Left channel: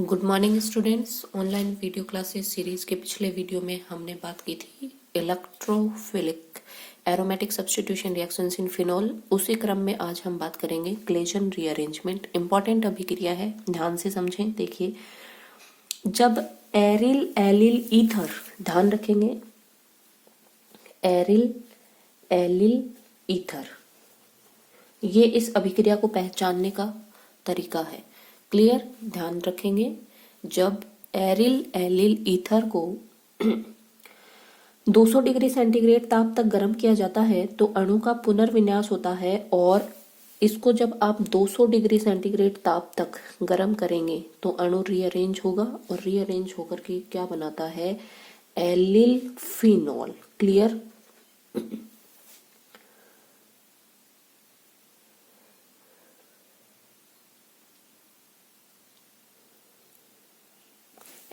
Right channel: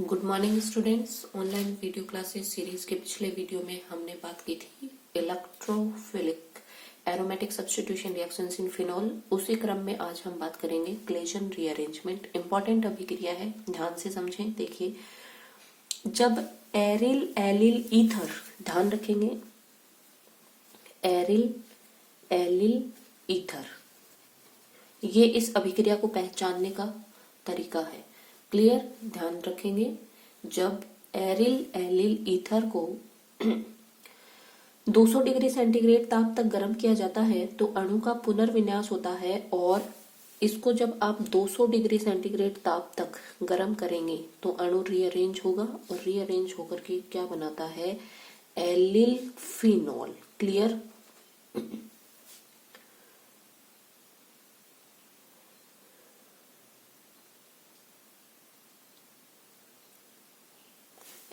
Good morning students. Online video classes series के पिछले video में हमने बात की थी electrophilic aromatic substitution reactions in phenol. उसी क्रम में आज हम बात करेंगे क्लेजन रीअरेंजमेंट। इंपॉर्टेंट अभिक्रिया है, ध्यान से समझें। देखिए, जब एरिल एलिल ईथर, ध्यान रखेंगे, एरिल एलिल ईथर, ये इस अभिक्रिया को पहचानने का तरीका है। क्लियर, ध्यान रखेंगे। जब एरिल एलिल ईथर को 200 डिग्री सेंटीग्रेड ताप तक गर्म किया जाता है तो अणु का पुनर्विन्यास होता है, और इसको जब आप 200 डिग्री सेंटीग्रेड ताप तक गर्म करेंगे तो अणु रीअरेंज होगा, और रीअरेंज होकर के क्या बनाता है? Allyl phenol. Clear.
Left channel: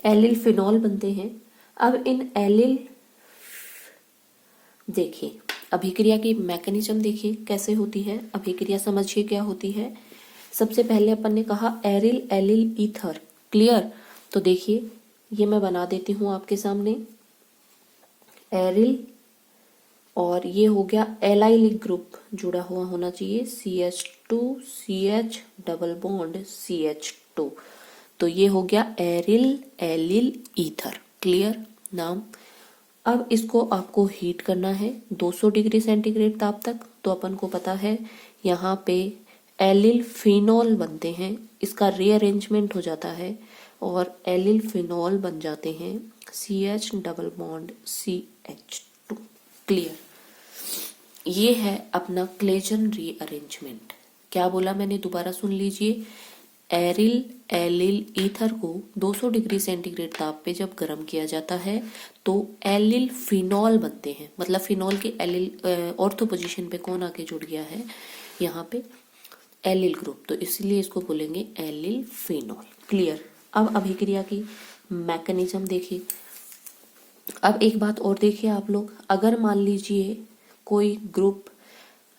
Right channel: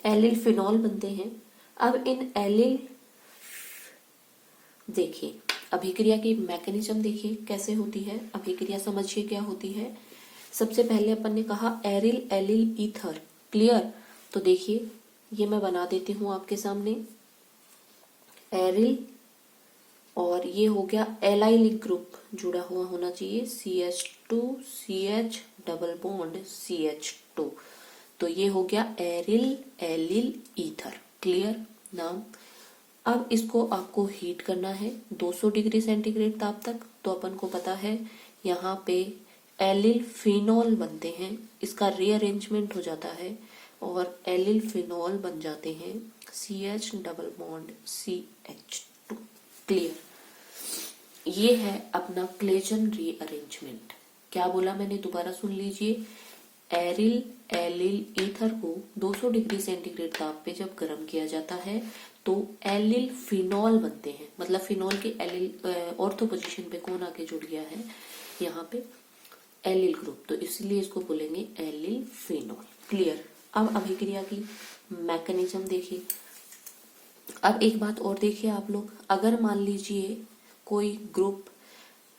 Allyl phenol बनते हैं। अब इन एलिल, देखिए अभिक्रिया की मैकेनिज्म देखिए कैसे होती है, अभिक्रिया समझिए क्या होती है। सबसे पहले अपन ने कहा एरिल एलिल ईथर। क्लियर। तो देखिए, ये मैं बना देती हूं आपके सामने, एरिल, और ये हो गया एलाइलिक ग्रुप जुड़ा हुआ होना चाहिए, CH2 CH double bond CH2। तो ये हो गया एरिल एलिल ईथर। क्लियर नाम। अब इसको आपको हीट करना है 200 डिग्री सेंटीग्रेड ताप तक। तो अपन को पता है यहाँ पे एलिल फिनॉल बनते हैं, इसका रीअरेंजमेंट हो जाता है और एलिल फिनॉल बन जाते हैं CH double bond CH2। Clear. ये है अपना क्लेजन रीअरेंजमेंट। क्या बोला मैंने, दोबारा सुन लीजिए। एरिल एलिल ईथर को 200 डिग्री सेंटीग्रेड ताप पे जब गर्म किया जाता है तो एलिल फिनॉल बनते हैं। मतलब फिनॉल के एलिल ऑर्थो पोजीशन पे कौन आके जुड़ गया है? यहाँ पे एलिल ग्रुप, तो इसलिए इसको बोलेंगे एलिल फिनॉल। क्लियर। अब अभिक्रिया की मैकेनिज्म देखिए। अब एक बात और देखिए आप लोग, अगर मान लीजिए कोई ग्रुप,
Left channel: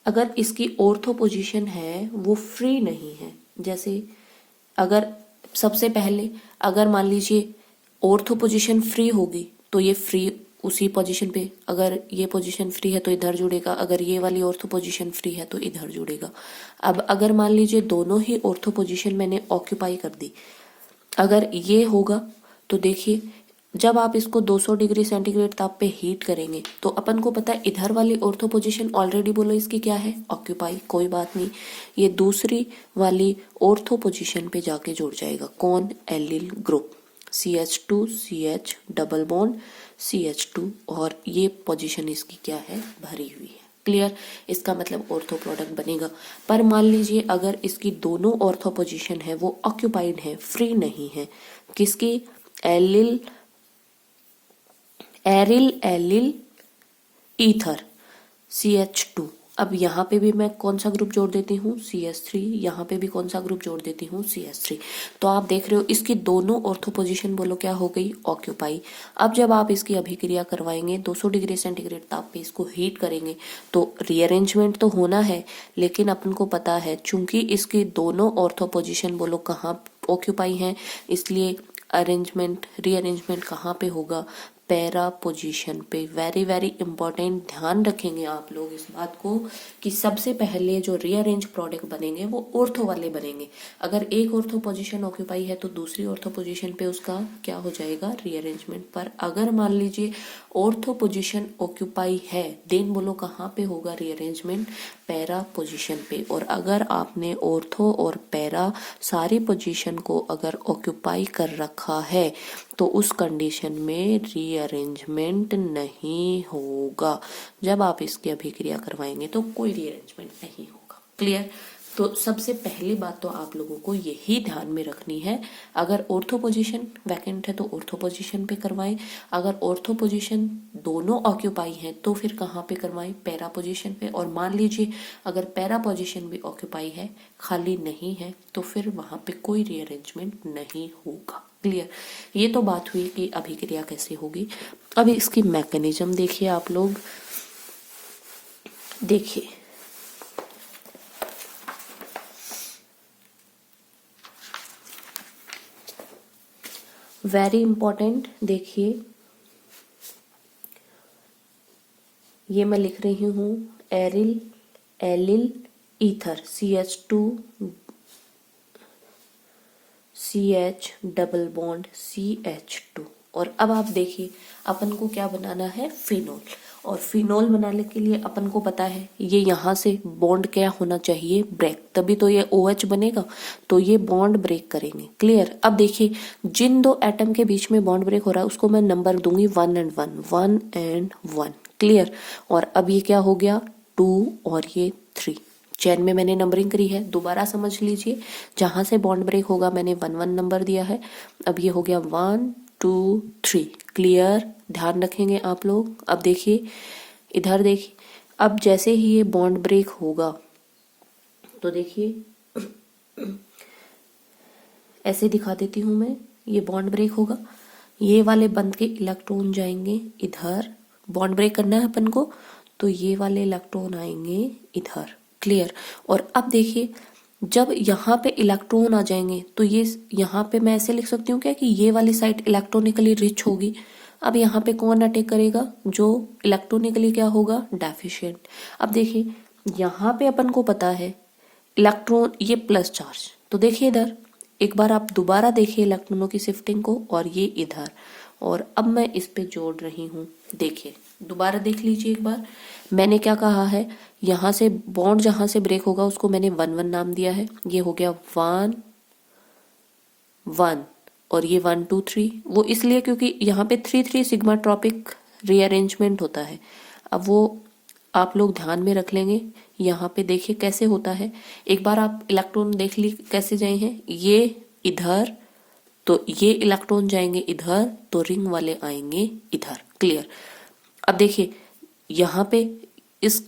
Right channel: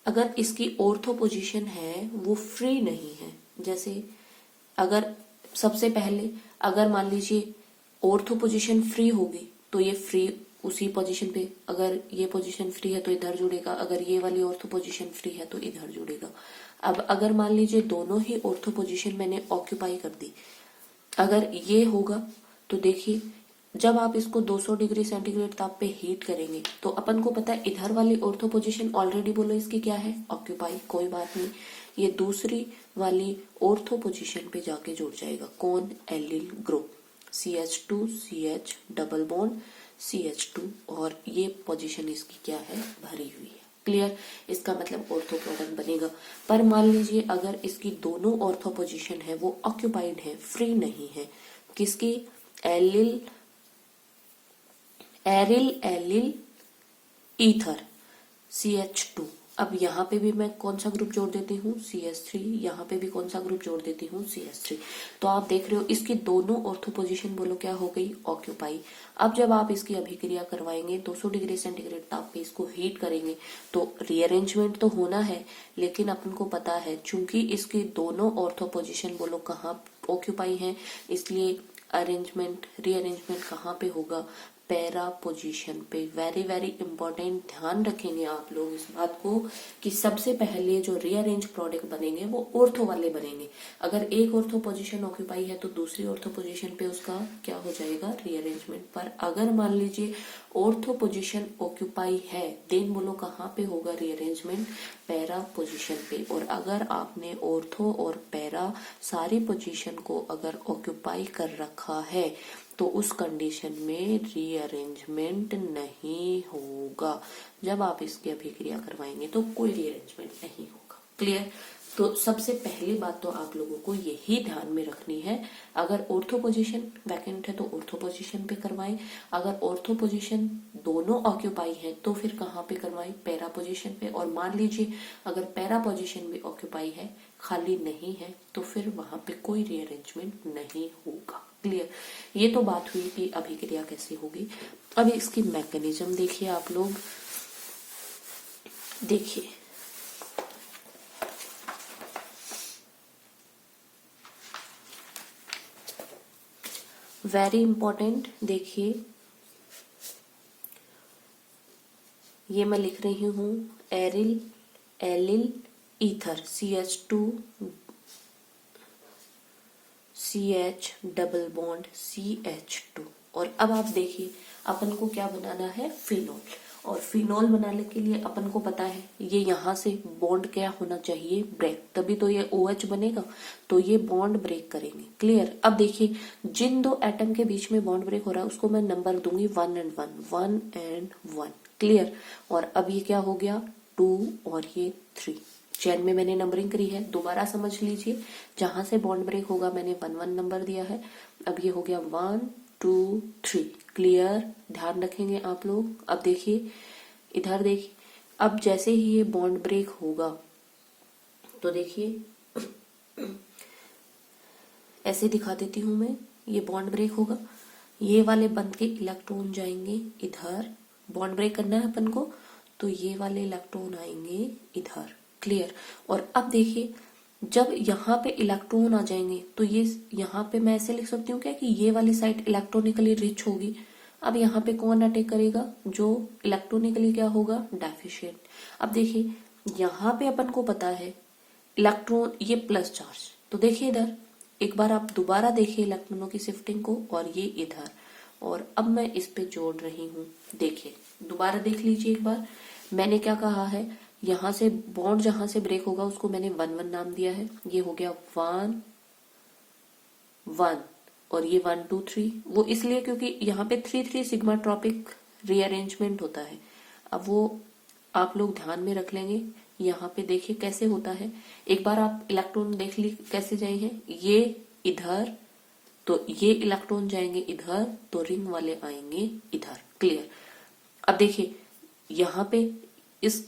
अगर इसकी ऑर्थो पोजीशन है वो फ्री नहीं है, जैसे अगर सबसे पहले अगर मान लीजिए ऑर्थो पोजीशन फ्री होगी तो ये फ्री उसी पोजीशन पे, अगर ये पोजीशन फ्री है तो इधर जुड़ेगा, अगर ये वाली ऑर्थो पोजीशन फ्री है तो इधर जुड़ेगा। अब अगर मान लीजिए दोनों ही ऑर्थो पोजीशन मैंने ऑक्यूपाई कर दी, अगर ये होगा तो देखिए, जब आप इसको 200 डिग्री सेंटीग्रेड ताप पे हीट करेंगे तो अपन को पता है इधर वाली ऑर्थो पोजीशन ऑलरेडी बोलो इसकी क्या है? ऑक्यूपाई। कोई बात नहीं, ये दूसरी वाली ऑर्थो पोजीशन पे जाके जुड़ जाएगा। कौन? Allyl group, CH2 CH double bond CH2, और ये पोजीशन इसकी क्या है? भरी हुई है। क्लियर। इसका मतलब ऑर्थो प्रोडक्ट बनेगा। पर मान लीजिए अगर इसकी दोनों ऑर्थो पोजीशन है वो ऑक्यूपाइड है, फ्री नहीं है, किसकी? Allyl aryl allyl ether CH2। अब यहाँ पे भी मैं कौन सा ग्रुप जोड़ देती हूँ? CH3। यहाँ पे भी कौन सा ग्रुप जोड़ देती हूँ? CH3। तो आप देख रहे हो इसकी दोनों ऑर्थो पोजीशन बोलो क्या हो गई? ऑक्यूपाई। अब जब आप इसकी अभिक्रिया करवाएंगे 200 डिग्री सेंटीग्रेड ताप पे इसको हीट करेंगे तो रीअरेंजमेंट तो होना है, लेकिन अपन को पता है चूंकि इसकी दोनों ऑर्थो पोजीशन बोलो कहाँ ऑक्यूपाई है, इसलिए अरेंजमेंट रीअरेंजमेंट कहाँ पे होगा? पैरा पोजीशन पे। वेरी वेरी इंपॉर्टेंट, ध्यान रखेंगे आप लोग इस बात को कि सबसे पहले जो रीअरेंज प्रोडक्ट बनेंगे वो ऑर्थो वाले बनेंगे। अगर एक ऑर्थो पोजीशन ऑक्यूपाई है तो दूसरी ऑर्थो पोजीशन पे उसका क्या हो जाएगा? रीअरेंजमेंट। पर अगर मान लीजिए ऑर्थो पोजीशन ऑक्यूपाई है, देन बोलो कहाँ पे होगा रीअरेंजमेंट? पैरा पोजीशन पे। और अगर आपने ऑर्थो और पैरा सारी पोजीशन को अगर ऑक्यूपाई कर रखा है तो उस कंडीशन में रीअरेंजमेंट नहीं होगा। जब आप इसकी अभिक्रिया करवाएंगे तो कोई रीअरेंजमेंट नहीं होगा। क्लियर। तो सबसे पहली बात तो आप लोगों को यही ध्यान में रखनी है, अगर ऑर्थो पोजीशन वैकेंट है तो ऑर्थो पोजीशन पे करवाएं, अगर ऑर्थो पोजीशन दोनों ऑक्यूपाई है तो फिर कहाँ पे करवाएं? पैरा पोजीशन पे। और मान लीजिए अगर पैरा पोजीशन भी ऑक्यूपाई है, खाली नहीं है, तो फिर वहां पे कोई रीअरेंजमेंट नहीं होगा। क्लियर। ये तो बात हुई कि अभिक्रिया कैसे होगी। अब इसकी मैकेनिज्म देखिए आप लोग। देखिए, वेरी इंपॉर्टेंट, देखिए ये मैं लिख रही हूं aryl allyl ether CH2 CH double bond CH2। और अब आप देखिए अपन को क्या बनाना है, फिनोल। और फिनोल बनाने के लिए अपन को पता है ये यहाँ से बॉन्ड क्या होना चाहिए, ब्रेक, तभी तो ये OH बनेगा, तो ये बॉन्ड ब्रेक करेंगे। क्लियर। अब देखिए जिन दो एटम के बीच में बॉन्ड ब्रेक हो रहा है उसको मैं नंबर दूंगी 1 and 1, 1 and 1। क्लियर। और अब ये क्या हो गया 2 और ये 3। चेन में मैंने नंबरिंग करी है, दोबारा समझ लीजिए, जहां से बॉन्ड ब्रेक होगा मैंने 1 1 नंबर दिया है। अब ये हो गया 1 2 3। क्लियर, ध्यान रखेंगे आप लोग। अब देखिए इधर देखिए, अब जैसे ही ये बॉन्ड ब्रेक होगा तो देखिए ऐसे दिखा देती हूं मैं, ये बॉन्ड ब्रेक होगा, ये वाले बंद के इलेक्ट्रॉन जाएंगे इधर, बॉन्ड ब्रेक करना है अपन को, तो ये वाले इलेक्ट्रॉन आएंगे इधर। क्लियर। और अब देखिए जब यहाँ पे इलेक्ट्रॉन आ जाएंगे तो ये यहाँ पे मैं ऐसे लिख सकती हूँ क्या कि ये वाली साइड इलेक्ट्रॉनिकली रिच होगी। अब यहाँ पे कौन अटैक करेगा, जो इलेक्ट्रॉनिकली क्या होगा, डेफिशिएंट। अब देखिए यहाँ पे अपन को पता है इलेक्ट्रॉन ये प्लस चार्ज, तो देखिए इधर एक बार आप दोबारा देखिए इलेक्ट्रॉनों की शिफ्टिंग को, और ये इधर, और अब मैं इस पे जोड़ रही हूँ। देखिए दोबारा देख लीजिए एक बार, मैंने क्या कहा है, यहां से बॉन्ड जहां से ब्रेक होगा उसको मैंने 1 1 नाम दिया है। ये हो गया 1 1 और ये 1 2 3, वो इसलिए क्योंकि यहाँ पे 3 3 सिग्मा ट्रॉपिक रीअरेंजमेंट होता है। अब वो आप लोग ध्यान में रख लेंगे। यहाँ पे देखिए कैसे होता है, एक बार आप इलेक्ट्रॉन देख ली कैसे जाए हैं, ये इधर, तो ये इलेक्ट्रॉन जाएंगे इधर, तो रिंग वाले आएंगे इधर। क्लियर। अब देखिए यहाँ पे इस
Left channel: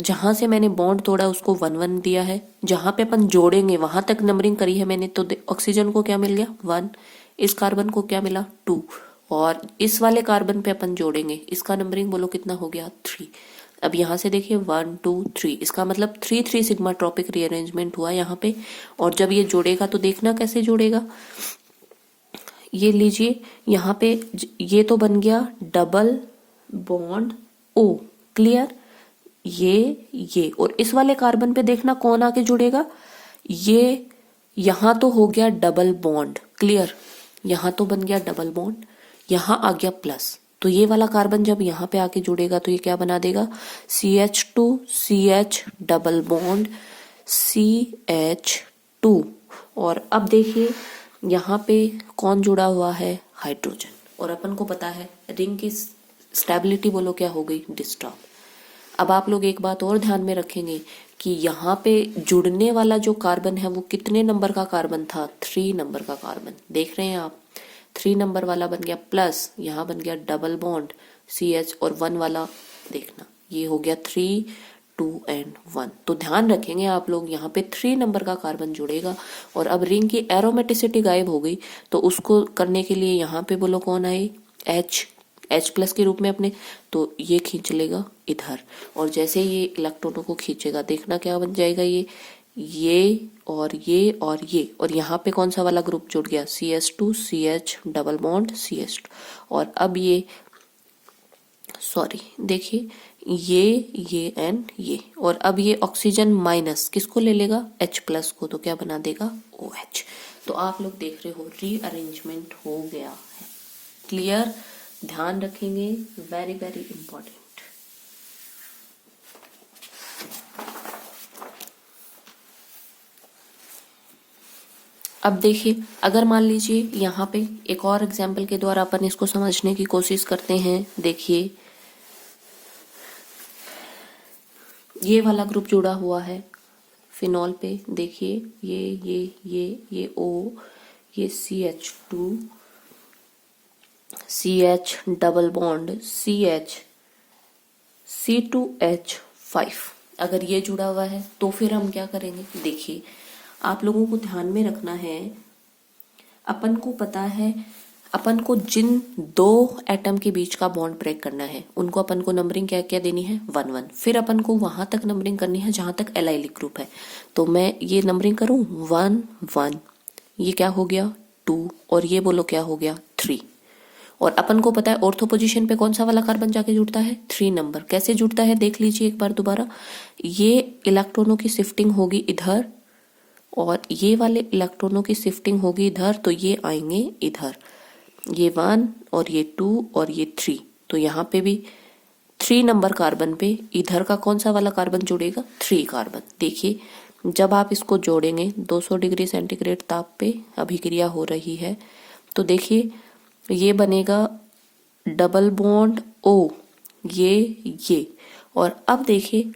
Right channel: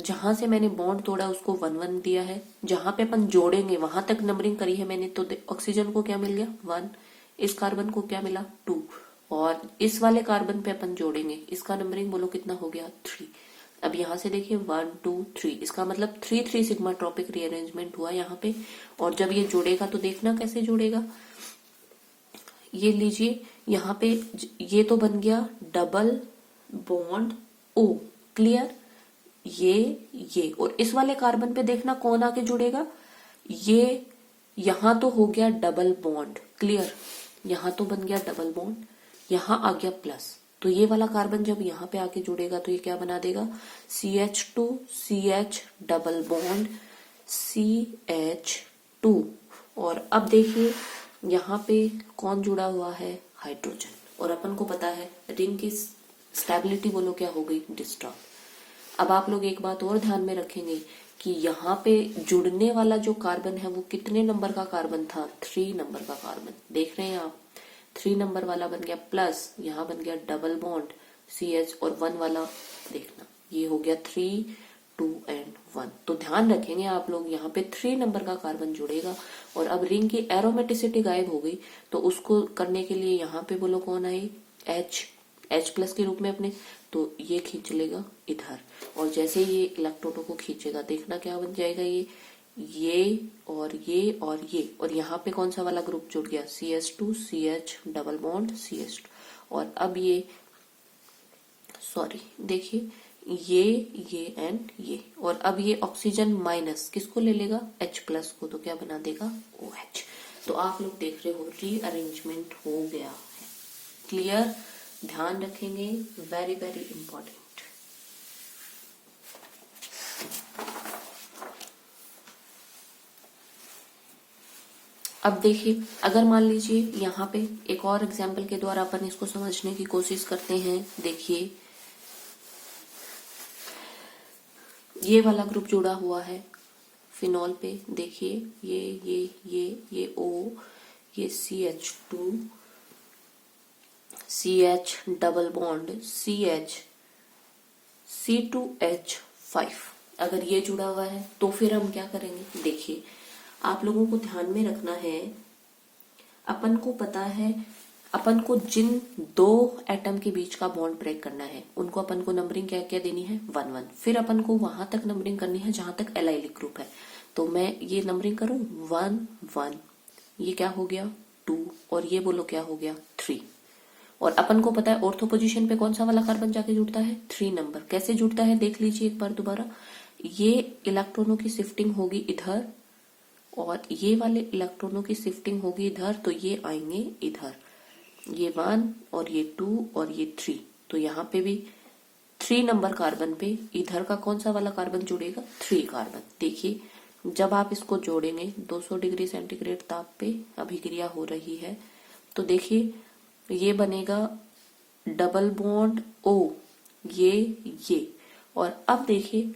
जहां से मैंने बॉन्ड तोड़ा उसको 1 1 दिया है, जहां पे अपन जोड़ेंगे वहां तक नंबरिंग करी है मैंने, तो ऑक्सीजन को क्या मिल गया 1, इस कार्बन को क्या मिला 2, और इस वाले कार्बन पे अपन जोड़ेंगे, इसका नंबरिंग बोलो कितना हो गया 3। अब यहाँ से देखिए 1 2 3, इसका मतलब 3 3 सिग्मा ट्रॉपिक रीअरेंजमेंट हुआ यहाँ पे। और जब ये जोड़ेगा तो देखना कैसे जोड़ेगा, ये लीजिए यहाँ पे ये तो बन गया डबल बॉन्ड O। क्लियर। ये और इस वाले कार्बन पे देखना कौन आके जुड़ेगा, ये यहां तो हो गया डबल बॉन्ड। क्लियर। यहां तो बन गया डबल बॉन्ड, यहां आ गया प्लस, तो ये वाला कार्बन जब यहाँ पे आके जुड़ेगा तो ये क्या बना देगा CH2 CH double bond CH2। और अब देखिए यहाँ पे कौन जुड़ा हुआ है, हाइड्रोजन, और अपन को पता है रिंग की स्टेबिलिटी बोलो क्या हो गई, डिस्टर्ब। अब आप लोग एक बात और ध्यान में रखेंगे कि यहाँ पे जुड़ने वाला जो कार्बन है वो कितने नंबर का कार्बन था, 3 नंबर का कार्बन। देख रहे हैं आप, 3 नंबर वाला बन गया प्लस, यहाँ बन गया डबल बॉन्ड CH, और 1 वाला देखना ये हो गया 3 2 and 1। तो ध्यान रखेंगे आप लोग, यहाँ पे 3 नंबर का कार्बन जुड़ेगा। और अब रिंग की एरोमेटिसिटी गायब हो गई, तो उसको करने के लिए यहाँ पे बोलो कौन आए, H प्लस के रूप में अपने, तो ये खींच लेगा इधर, और जैसे ये इलेक्ट्रॉनों को खींचेगा देखना क्या बन जाएगा, ये और ये और ये, और यहाँ पे कौन सा वाला ग्रुप जुड़ गया, CH2 CH double bond CH2। और अब ये सॉरी देखिए ये एंड ये, और अब ये ऑक्सीजन माइनस किसको ले लेगा, H प्लस को, तो क्या बना देगा OH। तो आप लोग देख रहे हो रीअरेंजमेंट हो गया है। क्लियर, ध्यान रखेंगे, वेरी वेरी इंपॉर्टेंट। अब देखिए अगर मान लीजिए यहाँ पे एक और एग्जाम्पल के द्वारा अपन इसको समझने की कोशिश करते हैं। देखिए ये वाला ग्रुप जुड़ा हुआ है फिनॉल पे, देखिए ये O, ये CH2 CH double bond CH C2H5। अगर ये जुड़ा हुआ है तो फिर हम क्या करेंगे, देखिए आप लोगों को ध्यान में रखना है, अपन को पता है अपन को जिन 2 एटम के बीच का बॉन्ड ब्रेक करना है उनको अपन को नंबरिंग क्या क्या देनी है 1 1, फिर अपन को वहां तक नंबरिंग करनी है जहां तक एलाइलिक ग्रुप है। तो मैं ये नंबरिंग करूं 1 1, ये क्या हो गया 2 और ये बोलो क्या हो गया 3। और अपन को पता है ऑर्थो पोजीशन पे कौन सा वाला कार्बन जाके जुड़ता है 3 नंबर। कैसे जुड़ता है देख लीजिए एक बार दोबारा। ये इलेक्ट्रॉनों की शिफ्टिंग होगी इधर और ये वाले इलेक्ट्रॉनों की शिफ्टिंग होगी इधर, तो ये आएंगे इधर, ये 1 और ये 2 और ये 3। तो यहाँ पे भी 3 नंबर कार्बन पे इधर का कौन सा वाला कार्बन जुड़ेगा 3 कार्बन। देखिए जब आप इसको जोड़ेंगे 200 डिग्री सेंटीग्रेड ताप पे अभिक्रिया हो रही है, तो देखिए ये बनेगा डबल बॉन्ड O, ये। और अब देखिए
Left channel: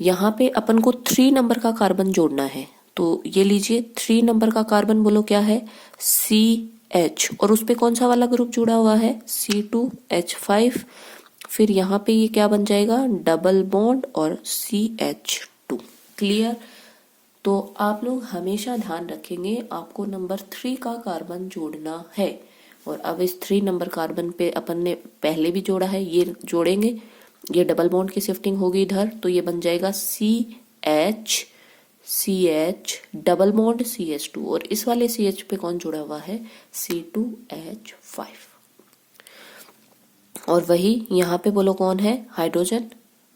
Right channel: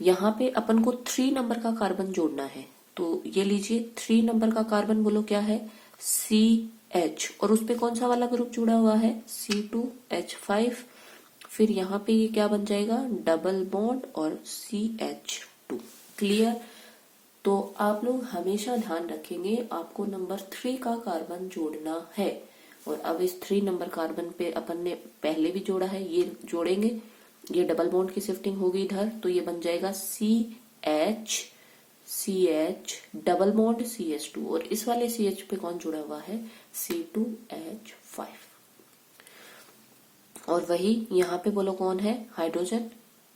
यहाँ पे अपन को 3 नंबर का कार्बन जोड़ना है, तो ये लीजिए 3 नंबर का कार्बन बोलो क्या है CH, और उस पे कौन सा वाला ग्रुप जुड़ा हुआ है C2H5। फिर यहाँ पे ये क्या बन जाएगा डबल बॉन्ड और CH2। क्लियर। तो आप लोग हमेशा ध्यान रखेंगे आपको नंबर 3 का कार्बन जोड़ना है। और अब इस 3 नंबर कार्बन पे अपन ने पहले भी जोड़ा है, ये जोड़ेंगे, ये डबल बॉन्ड की शिफ्टिंग होगी इधर, तो ये बन जाएगा CH डबल बॉन्ड CH2 और इस वाले CH पे कौन जुड़ा हुआ है C2H5। और वही यहाँ पे बोलो कौन है हाइड्रोजन,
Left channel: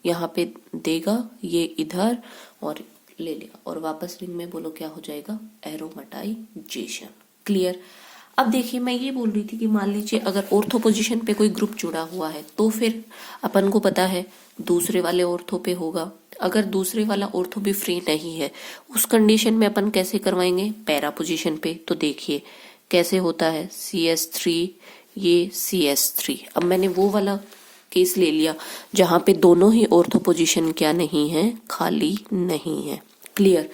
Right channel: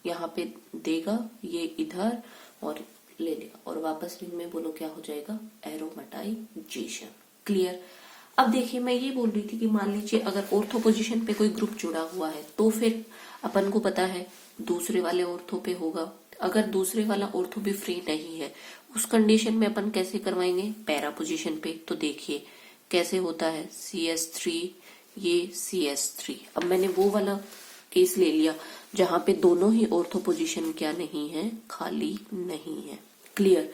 यहाँ पे देगा ये इधर और ले लेगा और वापस रिंग में बोलो क्या हो जाएगा एरोमेटाइजेशन। क्लियर। अब देखिए मैं ये बोल रही थी कि मान लीजिए अगर ऑर्थो पोजीशन पे कोई ग्रुप जुड़ा हुआ है तो फिर अपन को पता है दूसरे वाले ऑर्थो पे होगा। अगर दूसरे वाला ऑर्थो भी फ्री नहीं है उस कंडीशन में अपन कैसे करवाएंगे पैरा पोजीशन पे। तो देखिए कैसे होता है CS3 ये CS3। अब मैंने वो वाला केस ले लिया जहां पे दोनों ही ऑर्थो पोजीशन क्या नहीं है खाली नहीं है। क्लियर।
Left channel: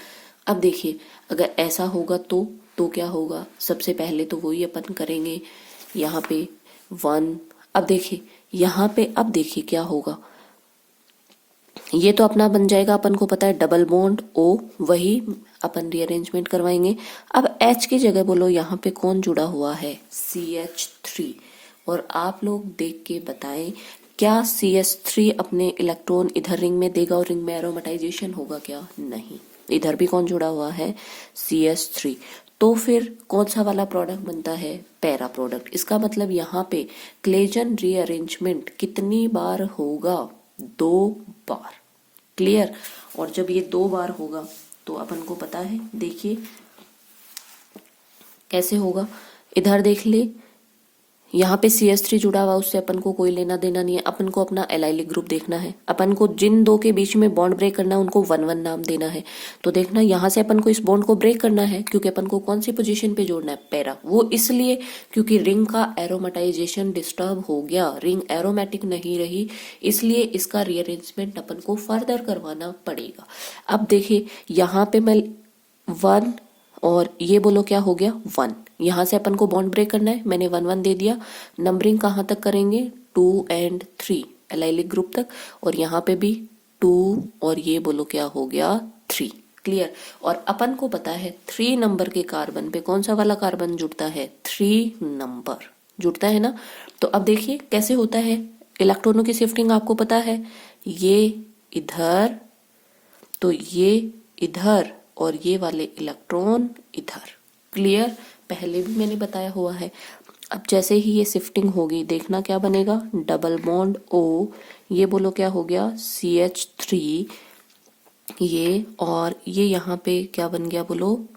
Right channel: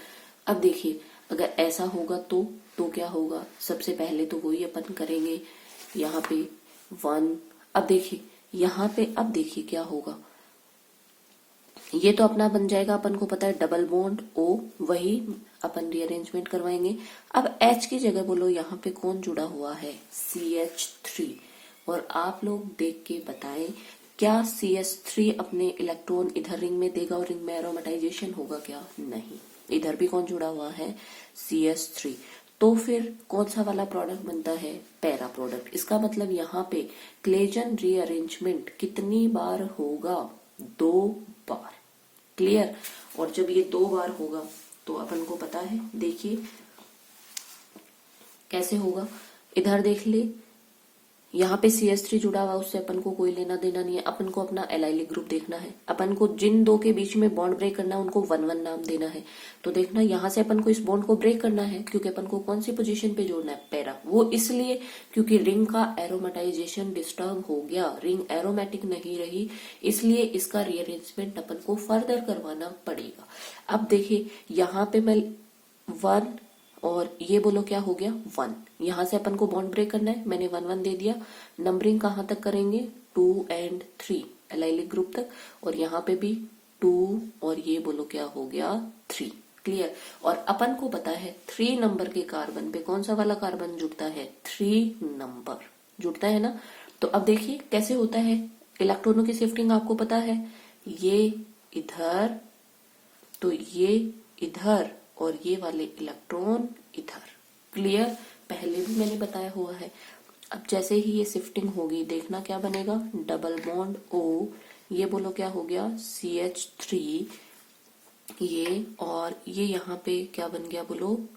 अब देखिए अगर ऐसा होगा तो क्या होगा, सबसे पहले तो वही अपन करेंगे यहाँ पे 1। अब देखिए यहाँ पे अब देखिए क्या होगा, ये तो अपना बन जाएगा अपन को पता है डबल बॉन्ड O, वही अपन रीअरेंजमेंट करवाएंगे। अब H की जगह बोलो यहाँ पे कौन जुड़ा हुआ है CH3। और आप लोग देख के बताएं क्या CH3 अपने इलेक्ट्रॉन इधर रिंग में देगा और रिंग में एरोमेटाइजेशन होगा क्या, नहीं। इधर भी कौन जुड़ा हुआ है CH3। तो फिर कौन सा वाला प्रोडक्ट बनता है पैरा प्रोडक्ट। इसका मतलब यहाँ पे क्लेजन रीअरेंजमेंट कितनी बार होगा 2 बार। क्लियर। और जब ये 2 बार होगा तो अपन को पता है देखिए कैसे होगा, इधर देख ले यहाँ पे CH3 जुड़ा हुआ उससे अपन को कोई लेना देना नहीं है, अपन को अपना एलाइलिक ग्रुप देखना है। अपन को जिन दो के बीच में बॉन्ड ब्रेक करना है उनको 1-1 नाम देना है। तो देखना यहाँ से अपन को इस बॉन्ड को ब्रेक करना है क्योंकि अपन को कौन सी पोजीशन पे जोड़ना है पैरा, वो इसलिए क्योंकि रिंग का एरोमेटाइजेशन डिस्टर्ब हो गया, रिंग एरोमेटिक नहीं रही, इसलिए इसका रीअरेंजमेंट अपन को फर्दर करवाना पड़ेगा। अब देखिए यहाँ पे मैं 1 और ये बोलो क्या हो गया 1, यहाँ से अपन को बॉन्ड ब्रेक करना है, मैंने 1-1 दे दिया। नंबरिंग कहाँ तक करेंगे 2 और 3 एलाइलिक ग्रुप तक, और यहाँ पे भी 2 और ये बोलो क्या हो गया 3। क्लियर। और अपन को पता है 3 नंबर के कार्बन पे कौन सा वाला कार्बन जुड़ता है 3 नंबर जुड़ता है ना। तो अब देखिए कैसे होता है, इलेक्ट्रॉनों की शिफ्टिंग आपको पता है, ये इधर तो ये इधर और ये वाले इलेक्ट्रॉन इधर। क्लियर। पहले भी मैंने बताया हुआ है। अब जैसे ही ये शिफ्टिंग होगी देखना क्या बनेगा डबल बॉन्ड O, ये बोलो क्या हो गया CH3 ये, और ये यहाँ पे क्या बन गया बोलो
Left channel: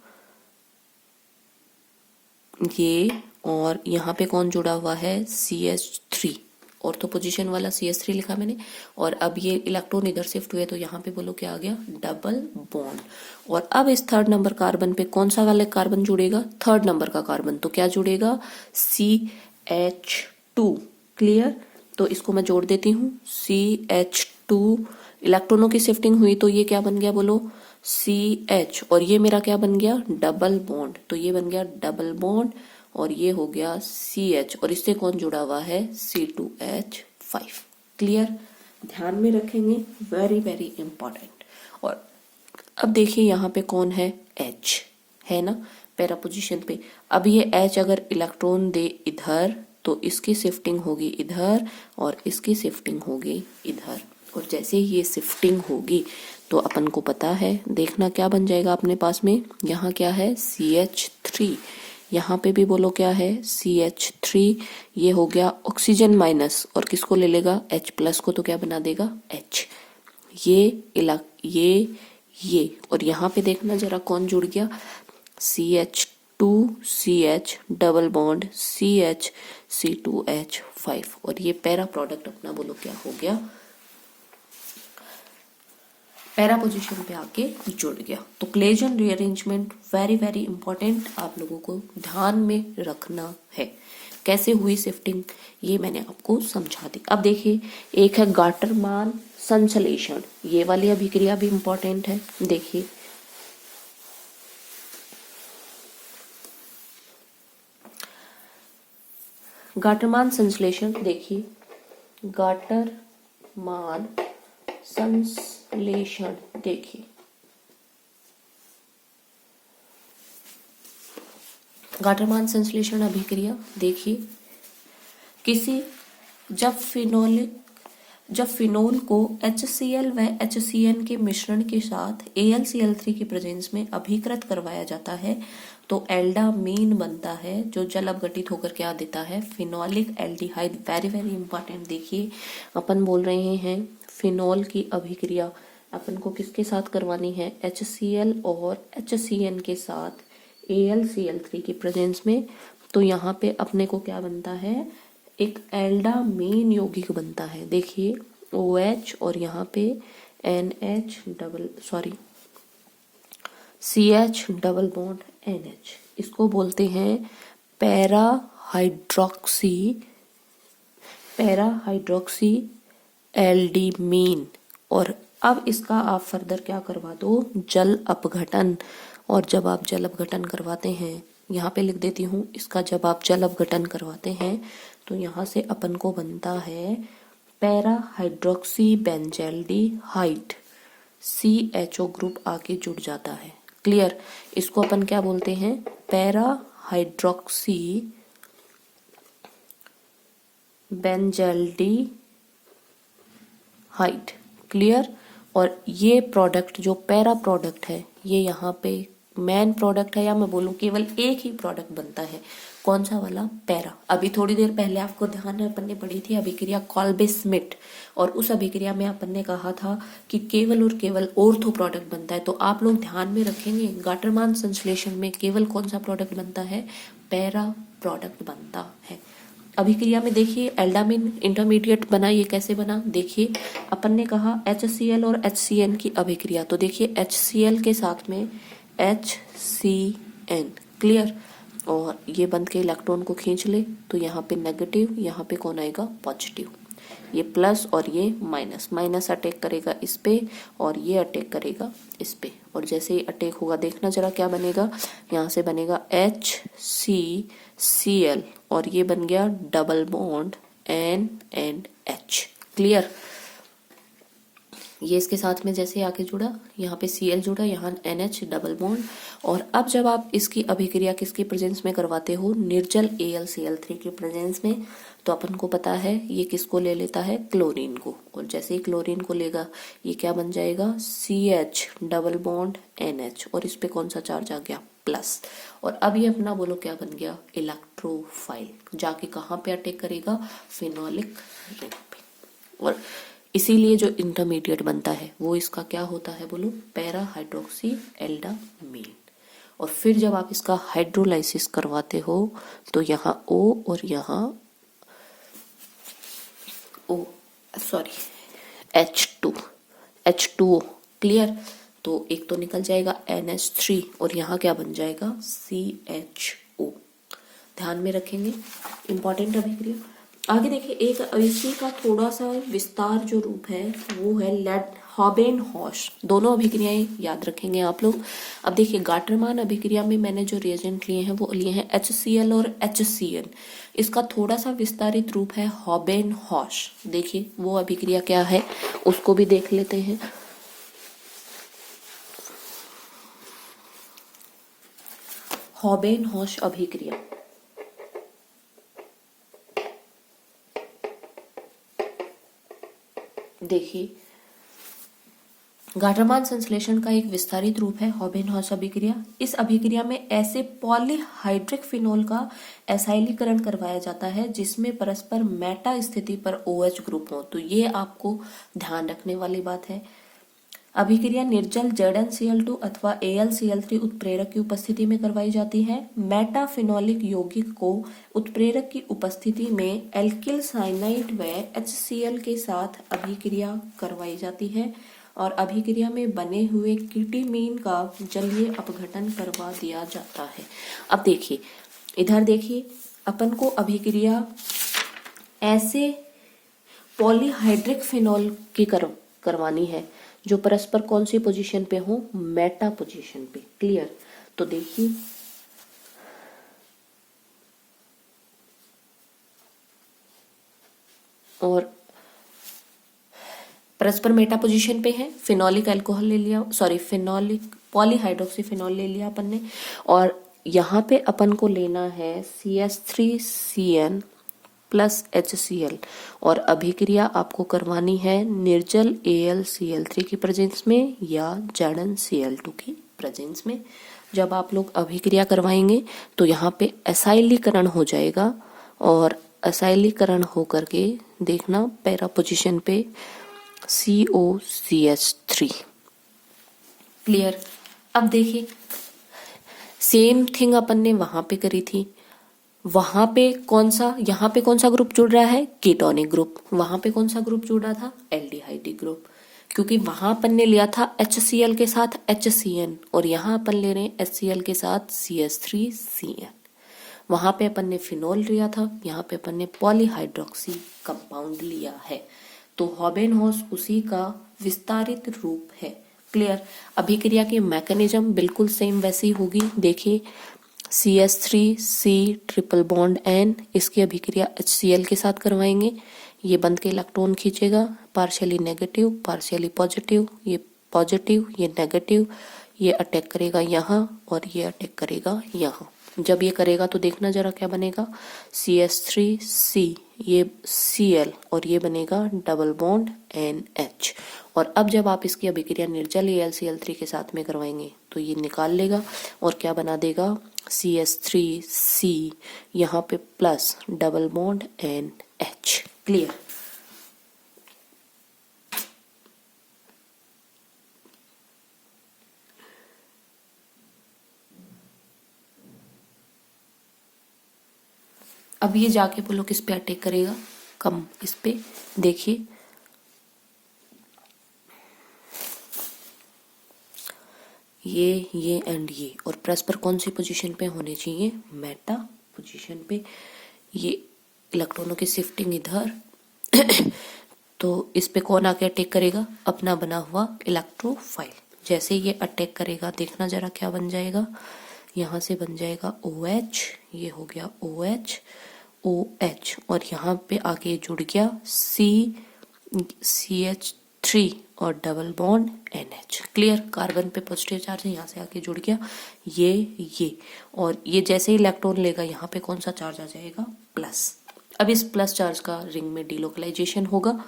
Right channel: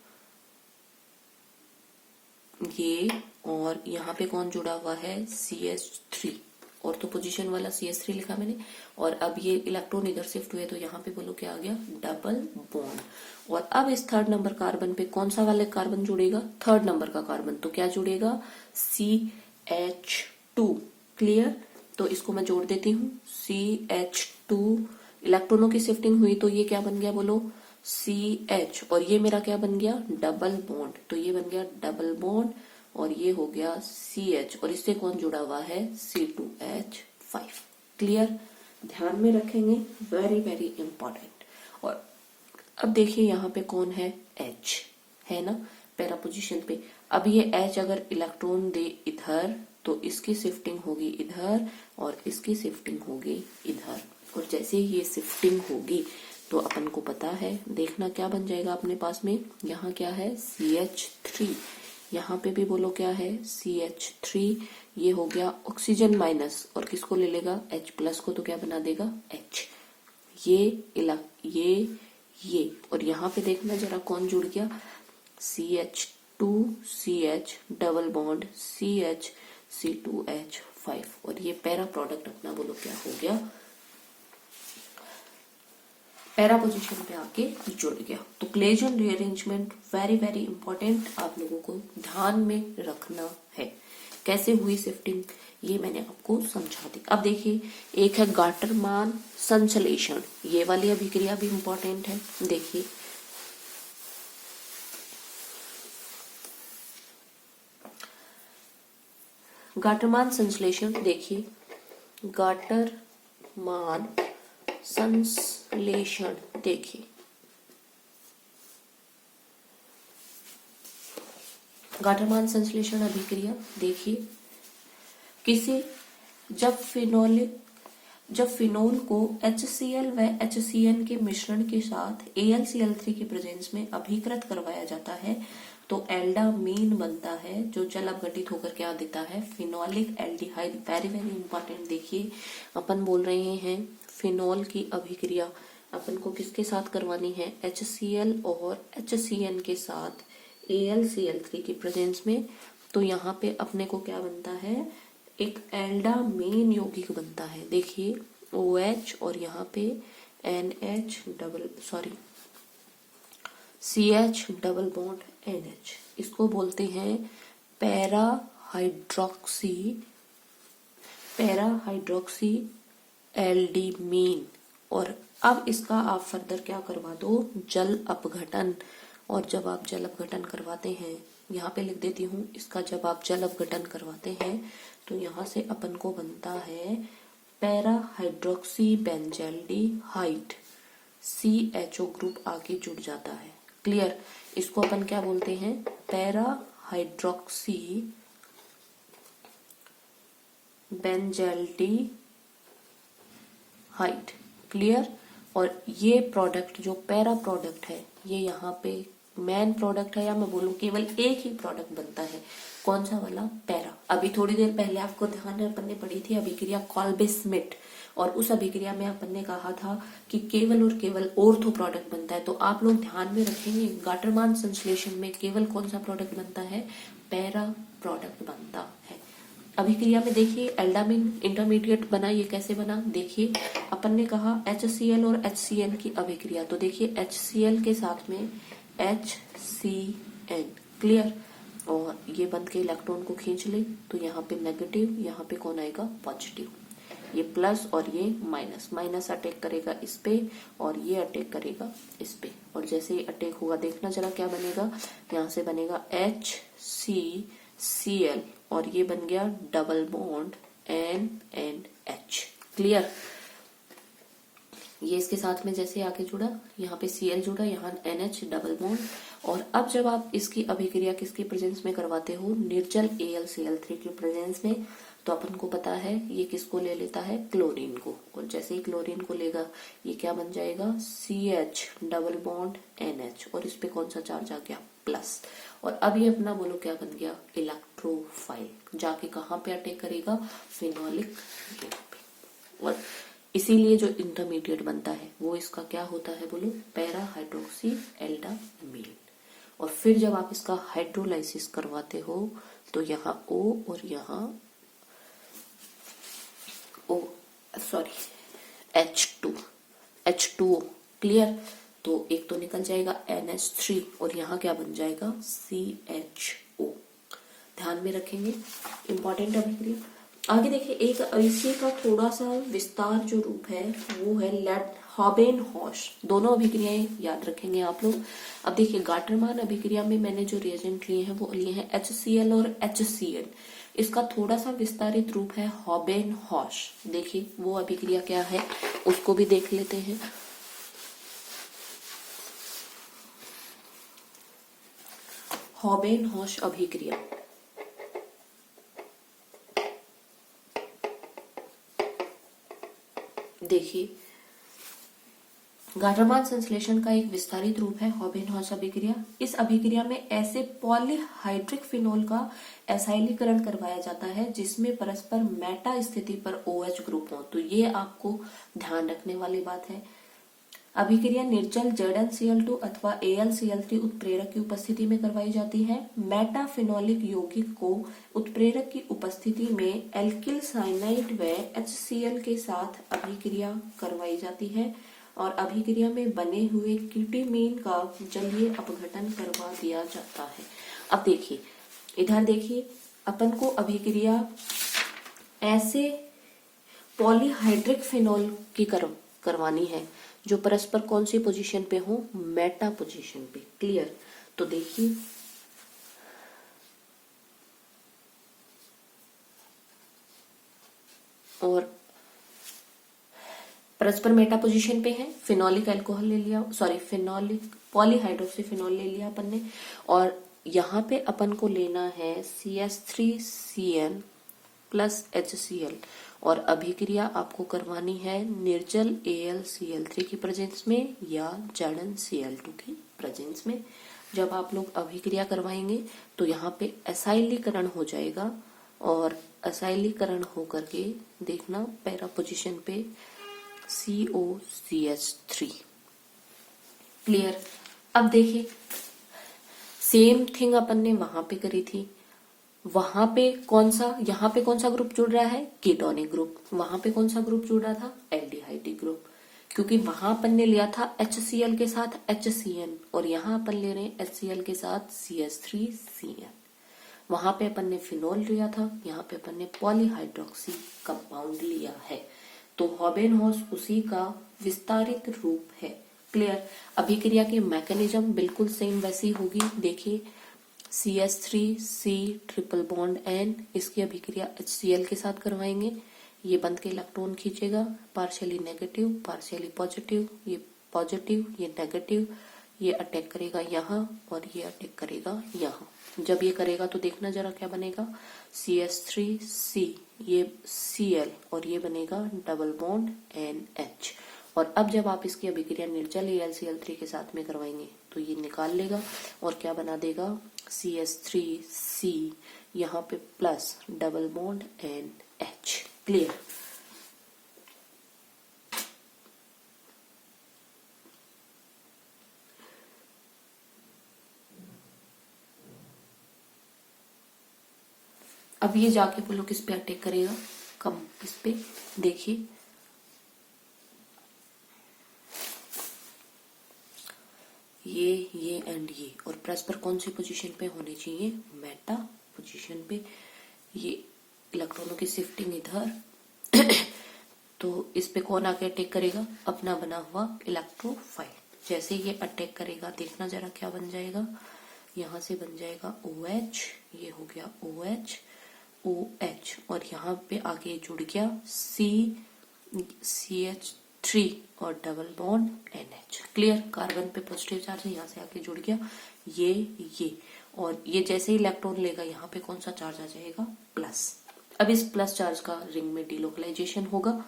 ये, और यहाँ पे कौन जुड़ा हुआ है CH3, ऑर्थो पोजीशन वाला CH3 लिखा मैंने। और अब ये इलेक्ट्रॉन इधर शिफ्ट हुए तो यहाँ पे बोलो क्या आ गया डबल बॉन्ड। और अब इस 3rd नंबर कार्बन पे कौन सा वाला कार्बन जुड़ेगा 3rd नंबर का कार्बन, तो क्या जुड़ेगा CH2। क्लियर। तो इसको मैं जोड़ देती हूँ CH2, इलेक्ट्रॉनों की शिफ्टिंग हुई तो ये क्या बन गया बोलो CH, और ये मेरा क्या बन गया डबल बॉन्ड, तो ये बन गया डबल बॉन्ड और ये हो गया CH, और इससे कौन जुड़ा हुआ है C2H5। क्लियर। ध्यान में रखेंगे, वेरी वेरी इंपॉर्टेंट। और अब देखिए यहाँ पे कौन है H है ना पैरा पोजीशन पे। अब ये H अगर इलेक्ट्रॉन दे इधर तो इसकी शिफ्टिंग होगी इधर और इसकी शिफ्टिंग होगी इधर, और जैसे ही ये शिफ्टिंग होगी तो अपन को पता है देखना क्या बन जाएगा अपने पास में, यहाँ क्या है CH3, यहाँ पे भी बोलो क्या है, CH3, ये हो गया ऑक्सीजन माइनस, और किसको ले लेगा, H प्लस को, तो क्या बना देगा H। ये और यहाँ पे देखना जरा कौन जुड़ गया, CH2 CH double bond CH C2H5, और ये पैरा प्रोडक्ट अपना बोलो क्या हो गया, पैरा पोजीशन पे आके जुड़ गया। तो Claisen rearrangement very very important, आप लोगों को ध्यान में रखना है। कैसे हुई शिफ्टिंग ये मैंने आपको समझा दी। अब देखिए एक है गाटरमान संश्लेषण, ये वाली अभिक्रिया भी इंपॉर्टेंट है। देखिए गाटरमान संश्लेषण, देखिए गाटरमान संश्लेषण, देखिए गाटरमान संश्लेषण अभिक्रिया, देखिए किसी जब फिनोल को HCl व HCN के मिश्रण के साथ AlCl3 की प्रेजेंस में अभिकृत करवाया जाता है तो एल्डामीन बनता है, जो जल अपघटित होकर क्या देता है, phenolic aldehyde. Very very important. देखिए अपन बोल रहे हैं फिनोल की अभिक्रिया अपन को किसके साथ करवानी है, HCl और HCN के साथ AlCl3 की प्रेजेंस में। तो यहाँ पे अपने को क्या बनता है, एक एल्डामीन यौगिक बनता है। देखिए OH और यहाँ पे CH डबल बॉन्ड NH, इसको बोलते हैं पैरा हाइड्रोक्सी एल्डीमीन। और अब इसका आप फर्दर क्या करवा दो, जल अपघटन। और जब आप जल अपघटन करवाते हैं, यहाँ पे लिख देती हूँ इसका, जब आप जल अपघटन करवाते हैं तो यहाँ से अपन को बनता है para hydroxy benzaldehyde, CHO group आके जुड़ जाता है। क्लियर। इसको अपन क्या बोलते हैं, पैरा हाइड्रोक्सी बेंजल्डिहाइड। क्लियर। और ये प्रोडक्ट जो पैरा प्रोडक्ट है, ये यहाँ पे मेन प्रोडक्ट है, या मैं बोलूं केवल एक ही प्रोडक्ट बनता है। कौन सा वाला, पैरा। अभी थोड़ी देर पहले आपको ध्यान है अपन ने पढ़ी थी अभिक्रिया कॉल्बे स्मिट, और उस अभिक्रिया में अपन ने कहा था कि केवल और केवल ऑर्थो प्रोडक्ट बनता है। तो आप लोग ध्यान में रखेंगे गाटरमान संश्लेषण में केवल कौन सा प्रोडक्ट बनता है, पैरा प्रोडक्ट बनता है। अभिक्रिया में देखिए एल्डामिन इंटरमीडिएट बना, ये कैसे बना, देखिए अपन ने कहा HCl और HCN की अभिक्रिया, तो देखिए HCl के साथ में HCN। क्लियर। और ये बंद के इलेक्ट्रॉन को खींच ले तो यहाँ पे नेगेटिव, यहाँ पे कौन आएगा, पॉजिटिव। ये प्लस और ये माइनस, माइनस अटैक करेगा इस पे और ये अटैक करेगा इस पे, और जैसे ही अटैक होगा देखना जरा क्या बनेगा, यहाँ से बनेगा HCCl और ये बन गया डबल बॉन्ड NH। क्लियर। ये इसके साथ में जैसे आके जुड़ा, यहाँ पे Cl जुड़ा, यहाँ NH डबल बॉन्ड। और अब जब आप इसकी अभिक्रिया किसकी प्रेजेंस में करवाते हो, निर्जल AlCl3 की प्रेजेंस में, तो अपन को पता है ये किसको ले लेता है, क्लोरीन को। और जैसे ही क्लोरीन को लेगा ये क्या बन जाएगा, CH डबल बॉन्ड NH, और इस पे कौन सा चार्ज आ गया, प्लस। और अब ये अपना बोलो क्या बन गया, इलेक्ट्रोफाइल। जाके कहाँ पे अटैक करेगा, फिनोलिक रिंग पे। और इसीलिए जो इंटरमीडिएट बनता है वो इसका क्या होता है, बोलो पैरा हाइड्रोक्सी एल्डामीन। और फिर जब आप इसका हाइड्रोलाइसिस करवाते हो तो यहाँ O और यहाँ H2O। क्लियर। तो एक तो निकल जाएगा NH3 और यहाँ क्या बन जाएगा, CHO। ध्यान में रखेंगे, इंपॉर्टेंट अभिक्रिया। आगे देखिए एक इसी का थोड़ा सा विस्तार जो रूप है वो है हॉबेनहॉश। दोनों अभिक्रियाएं याद रखेंगे आप लोग। अब देखिए गाटरमान अभिक्रिया में मैंने जो रिएजेंट लिए हैं वो लिए हैं HCl और HCN। इसका थोड़ा सा विस्तारित रूप है हॉबेनहॉश। देखिए वो अभिक्रिया क्या है उसको भी देख लेते हैं। हॉबेनहॉश अभिक्रिया, देखिए गाटरमान संश्लेषण का एक विस्तारित रूप है हॉबेनहॉस अभिक्रिया। इस अभिक्रिया में ऐसे पॉलीहाइड्रिक फिनोल का एसाइलीकरण करवाया जाता है जिसमें परस्पर मेटा स्थिति पर OH ग्रुप हो। तो ये आपको ध्यान रखने वाली बात है। अभिक्रिया निर्जल ZnCl2 अथवा AlCl3 उत्प्रेरक की उपस्थिति में करवाई जाती है। मेटाफिनोलिक यौगिक को उत्प्रेरक की उपस्थिति में एल्किल साइनाइड व HCl के साथ अभिक्रिया करवाई जाती है और अभिक्रिया में बने हुए कीटीमीन का जलीय अपघटन करवा दिया जाता है। अब देखिए, इधर देखिए, अपन को अभिक्रिया ऐसे पॉलीहाइड्रिक फिनोल की करवानी है जो परस्पर कौन सी पोजीशन पे हो, मेटा पोजीशन पे। क्लियर? तो देखिए, और परस्पर मेटा पोजीशन पे है, फिनोलिक अल्कोहल ले लिया, सॉरी फिनोलिक पॉलीहाइड्रोक्सी फिनोल ले लिया अपन ने, और यहाँ पे अपन को लेना है CH3CN प्लस HCl और अभिक्रिया आपको करवानी है निर्जल AlCl3 की प्रेजेंस में या ZnCl2 की प्रेजेंस में। जब आप लोग अभिक्रिया करवाएंगे तो यहाँ पे एसाइलीकरण हो जाएगा और एसाइलीकरण होकर के देखना पैरा पोजीशन पे COCH3। क्लियर? अब देखिए, सेम थिंग अपन ने वहां पे करी थी। वहां पे कौन सा, यहाँ पे कौन सा ग्रुप जुड़ रहा है, कीटोनिक ग्रुप। वहां पे कौन सा ग्रुप जुड़ रहा था, एल्डिहाइड ग्रुप, क्योंकि वहां अपन ने लिया था HCl के साथ HCN और यहाँ अपन ले रहे हैं HCl के साथ CH3CN। वहां पे अपन ने फिनोल लिया था, यहाँ पे अपन ने पॉलीहाइड्रोक्सी कंपाउंड लिया है। तो हॉबेनहॉस उसी का विस्तारित रूप है। क्लियर? अभिक्रिया की मैकेनिज्म बिल्कुल सेम वैसी होगी। देखिए, CH3C ट्रिपल बॉन्ड N, इसकी अभिक्रिया HCl के साथ करवाएंगे। ये बंध के इलेक्ट्रॉन खींचेगा, पार्शियली नेगेटिव पार्शियली पॉजिटिव, ये नेगेटिव, ये अटैक करेगा यहाँ और ये अटैक करेगा यहाँ। जब ये करेगा तो देखना जरा क्या बनेगा, CH3C, ये Cl और ये बनेगा डबल बॉन्ड NH। और अब जब आप इसकी अभिक्रिया निर्जल AlCl3 के साथ में करवाएंगे तो ये निकाल लेगा और क्या बना देगा, CH3C, यहाँ पे plus double bond NH। Clear? अब ये जाके बोलो किस पे अटैक करेगा, कम इस पे। देखिए, ये एंड ये, और परस्पर कौन सी पोजीशन पे होने चाहिए, मेटा पोजीशन पे। ये इलेक्ट्रॉनों की शिफ्टिंग इधर तो इस पे कौन आके अटैक करेगा, अपना बना हुआ इलेक्ट्रोफाइल। जैसे ये अटैक करेगा देखना जरा क्या बन जाएगा, यहाँ से बन जाएगा OH, ये हो गया OH और यहाँ पे आगे जुड़ गया CH3 और double bond NH। Clear? Carbon पे पॉजिटिव चार्ज है, यहाँ से आके जुड़ गया ये और ये जैसे ही इलेक्ट्रॉन लेगा यहाँ पे कौन सा चार्ज आ जाएगा, प्लस। अब इस प्लस चार्ज का रिंग में डिलोकलाइजेशन होगा।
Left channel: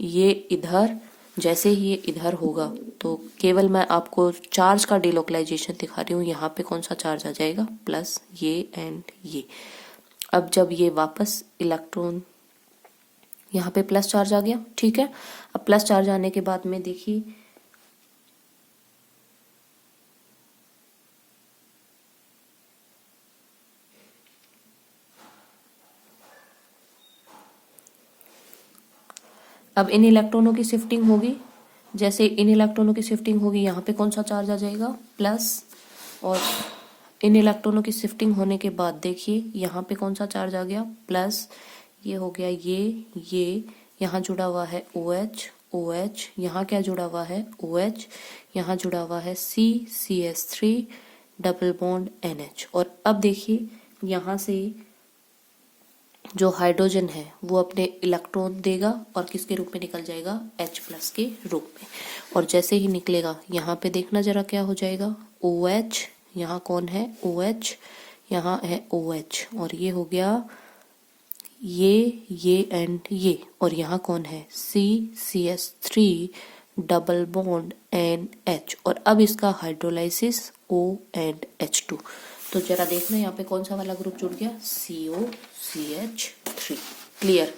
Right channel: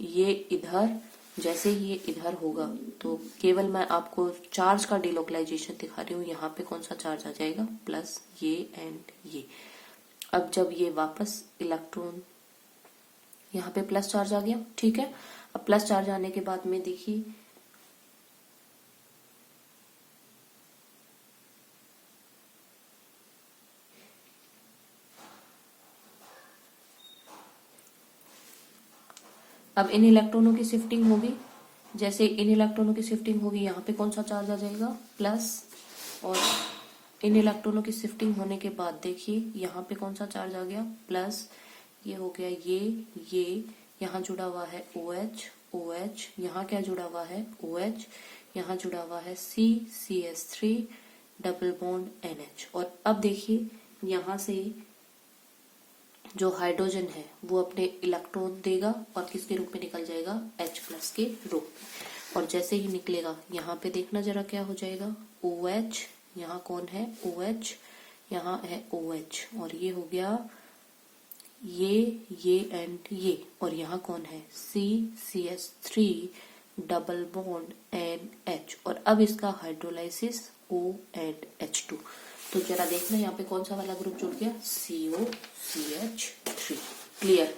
ये इधर, जैसे ही ये इधर होगा तो केवल मैं आपको चार्ज का डिलोकलाइजेशन दिखा रही हूँ। यहाँ पे कौन सा चार्ज आ जाएगा, प्लस, ये एंड ये। अब जब ये वापस इलेक्ट्रॉन, यहाँ पे प्लस चार्ज आ गया, ठीक है। अब प्लस चार्ज आने के बाद में देखिए, अब इन इलेक्ट्रॉनों की शिफ्टिंग होगी। जैसे इन इलेक्ट्रॉनों की शिफ्टिंग होगी यहाँ पे कौन सा चार्ज आ जाएगा, प्लस। और इन इलेक्ट्रॉनों की शिफ्टिंग होने के बाद देखिए यहाँ पे कौन सा चार्ज आ गया, प्लस। ये हो गया ये यहाँ जुड़ा हुआ है OH, यहाँ क्या जुड़ा हुआ है, OH, यहाँ जुड़ा हुआ है CH3 डबल बॉन्ड NH। और अब देखिए यहाँ से जो हाइड्रोजन है वो अपने इलेक्ट्रॉन देगा और किसके रूप में निकल जाएगा, H+ के रूप में। और जैसे ही निकलेगा यहाँ पे देखना जरा क्या हो जाएगा, OH, यहाँ कौन है, OH, यहाँ है OH और ये हो गया ये एंड ये, और यहाँ कौन है, CH3 डबल बॉन्ड NH, और अब इसका हाइड्रोलाइसिस OH2। तो जरा देखना यहाँ पे कौन सा वाला ग्रुप जुड़ गया, COCH3। क्लियर।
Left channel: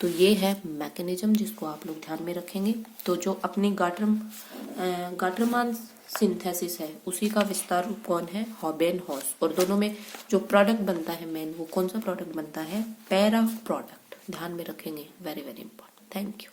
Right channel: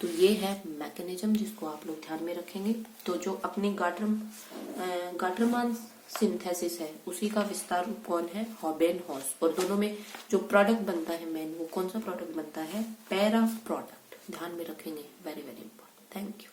तो ये है मैकेनिज्म जिसको आप लोग ध्यान में रखेंगे। तो जो अपनी गाटरमान सिंथेसिस है उसी का विस्तार रूप कौन है, हॉबेनहॉस। और दोनों में जो प्रोडक्ट बनता है मेन, वो कौन सा प्रोडक्ट बनता है, पैरा प्रोडक्ट। ध्यान में रखेंगे, very very important. Thank you.